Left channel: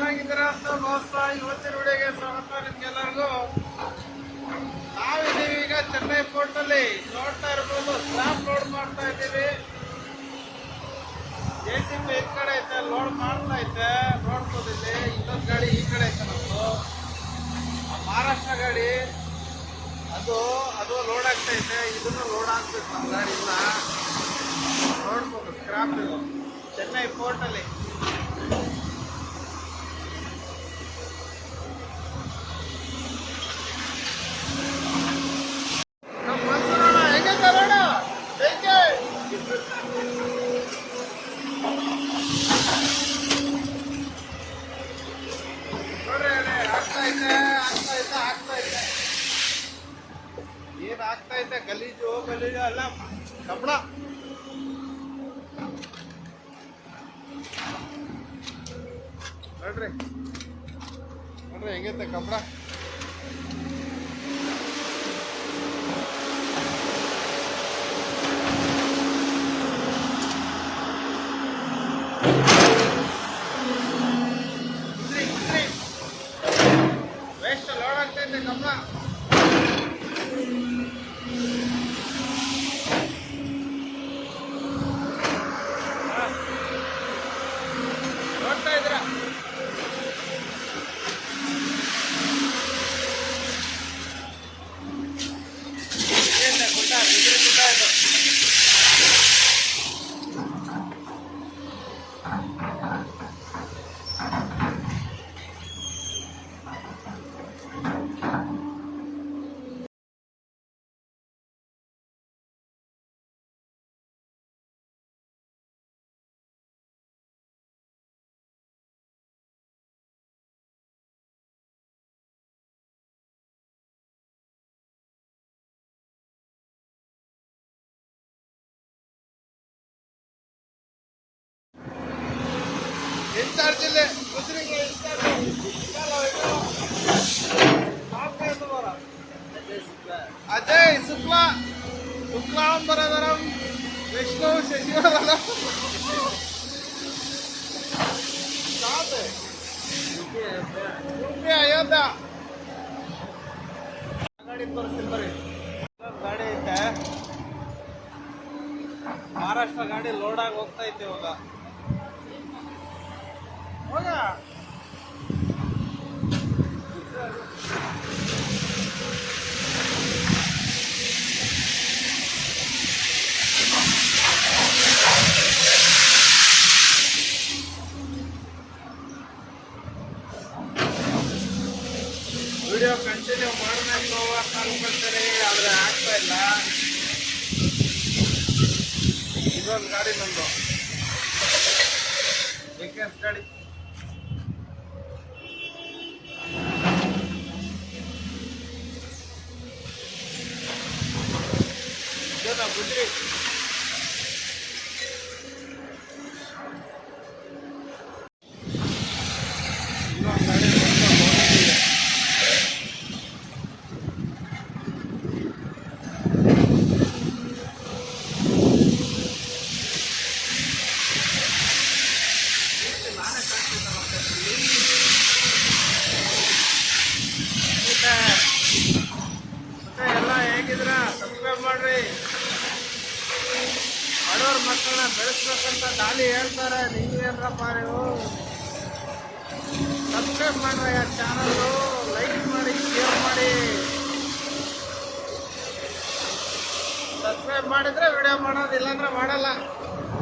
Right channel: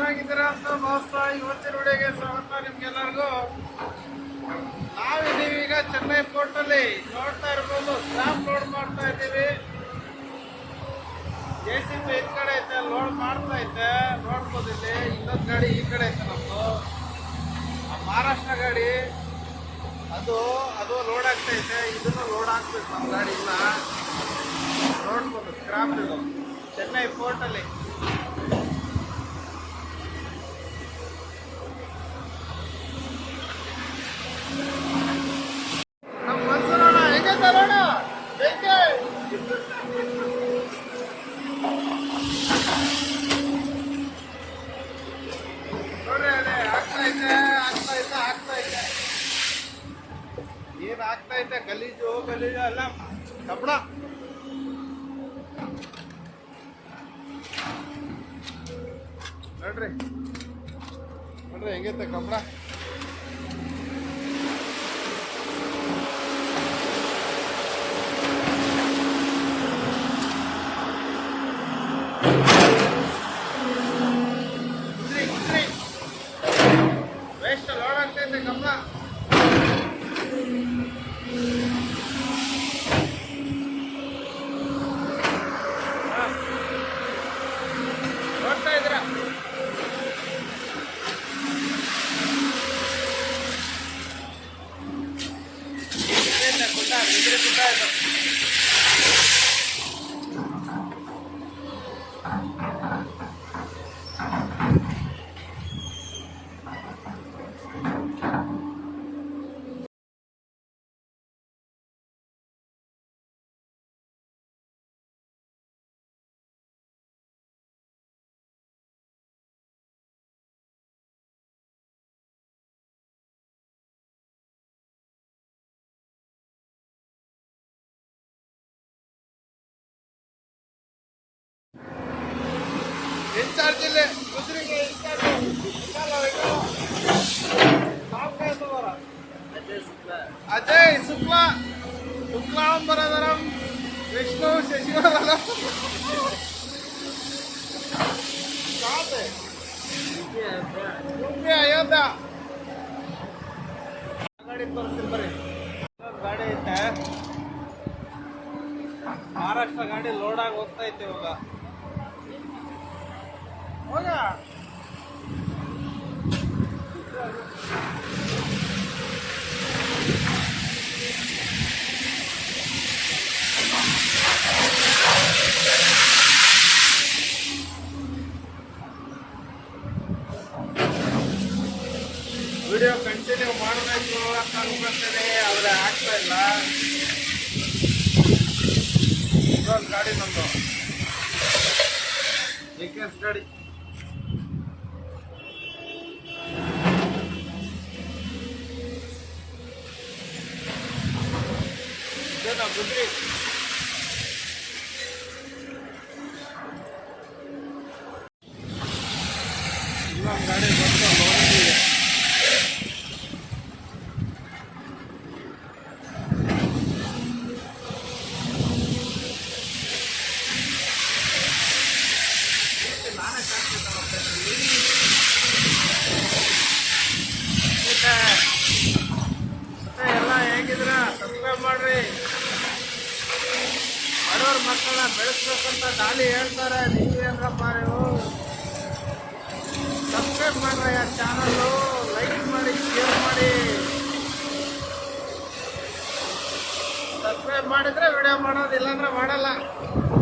ಚೆನ್ನಾಗಿದ್ದೀರಾ ಅಂತ ಭಾವಿಸ್ತಾ ಇವತ್ತಿನ ವಿಡಿಯೋಗೆ ಸ್ವಾಗತ ನಿಮ್ಗೆಲ್ಲರಿಗೂ. ನಾವಿದ್ದೀವಿ ಈಗ ಚೆನ್ನೈ ಪೋರ್ಟ್ ಅಲ್ಲಿ. ನೋಡ್ತಾ ಇರ್ಬೋದು, ಸ್ಕ್ರಾಪ್ ಲೋಡ್ ಮಾಡ್ತಾ ಇದ್ದೀವಿ. JCB ಈ ಕಡೆ ಐತೆ, ಲೋಡ್ ಮಾಡ್ತಾ ಐತೆ. ನೋಡ್ಬೋದು ಇಲ್ಲಿ ಇನ್ನೊಂದು ಗಾಡಿ ಈ ಕಡೆ ಐತೆ ನಮ್ದು, ಮಹಾರಾಷ್ಟ್ರ ಗಾಡಿ. ಅದು ಲೋಡ್ ಆಗ್ತಾ ಐತೆ. ಇದನ್ನು ಲೋಡ್ ಆಗ್ಬೇಕು ನಮ್ಮ ಗಾಡಿ ಇಲ್ಲ. ನೋಡ್ಬೋದು ಸ್ಕ್ರಾಪ್ ಇದು ಚೆನ್ನೈ ಪೋರ್ಟ್ ಅಲ್ಲಿ. ನಮ್ಮ ಮನ್ಸೂರಣ್ಣ ಹೆಂಗೈತೆ ನೋಡ, ಬೆಂಕಿ ನೋಡ್ರಿ ಅಲ್ಲಿ ಆಗ್ತಾ ಐತೆ. ಏನ್ ಆಗ್ತಾ ಐತೆ? ಗಲೀಜು ಅಲ್ಲ, ಕಬ್ಬಣ. ನೋಡ್ರಿ ಹೆಂಗೈತೆ ಕಬ್ಬಣ. ವೇಸ್ಟ್ ಲೋಡ್ ಆಗ್ತೈತೆ ಕಬ್ಬಣ. ನೋಡ್ತಾ ಇದ್ರ ಗುಡ್ಡ, ಗುಜರಿ ಗುಡ್ಡ ಇದು. ಇನ್ಚಾರ್ಜ್ ಇಲ್ಲಿ ಗುಜರಿಗೆ ಇನ್ಚಾರ್ಜ್ ಅಜಯ್ ಶುಕ್ಲಾಂಬರಧರಂ ವಿಷ್ಣು ಶಶಿವದನಂ ಅಯೋಧ್ಯ. ಗಾಡಿ ತೋರಿಸ್ತೀನಿ ಬರ್ರಿ. ಗಾಡಿ ಐತೆ, ಮಹಾರಾಷ್ಟ್ರ ಗಾಡಿ ಲೋಡ್ ಆಗಿ ಹೋಗ್ತಾ ಐತೆ ಇವಾಗ. ಹೋಗ ವಿಡಿಯೋ ಕಂಟಿನ್ಯೂ ಮಾಡಬೇಕು ಅಂತ ಅನ್ಕೊಳ್ತೇನೆ, ಆದರೆ ಆಗ್ತಾ ಇಲ್ಲ. ಇದೊಂದು ಗಾಡಿ ನಂದು JKS ಗಾಡಿ. ಇದೇನಾ ಗುಜರಿ? ಇನ್ನೊಂದು ಗಾಡಿ ಬಂದು ನೋಡಿದ್ದೀವಿ. ನಾನೇ ಕಾಣ್ತಿದ್ದಲ್ಲ ಮತ್ತೆ ಎಲ್ಲ ಹೇಗಿದ್ರ? ಸಬ್ಸ್ಕ್ರೈಬ್ ಮಾಡ್ರಿ. ಬಡವ್ರ ಮಕ್ಕಳನ್ನ ಬೆಳೆಸ್ಬೇಕಂತ ಗಾಲಿ ಹೇಳ್ತಾರೆ, ನೀವೇನ್ರಪ್ಪ ನೀವು? ಸಬ್ಸ್ಕ್ರೈಬ್ ಮಾಡ್ರಿ ಆ ಚಾನಲ್ಲು, ಲೈಕ್ ಮಾಡಿ, ಶೇರ್ ಮಾಡಿ. ಸಬ್ಸ್ಕ್ರೈಬ್ ಮಾಡಿದ್ರೆ ವಿಡಿಯೋ ಮಾಡೋದು, ಇಲ್ಲಾಂದ್ರೆ ಮಾಡಲ್ಲ.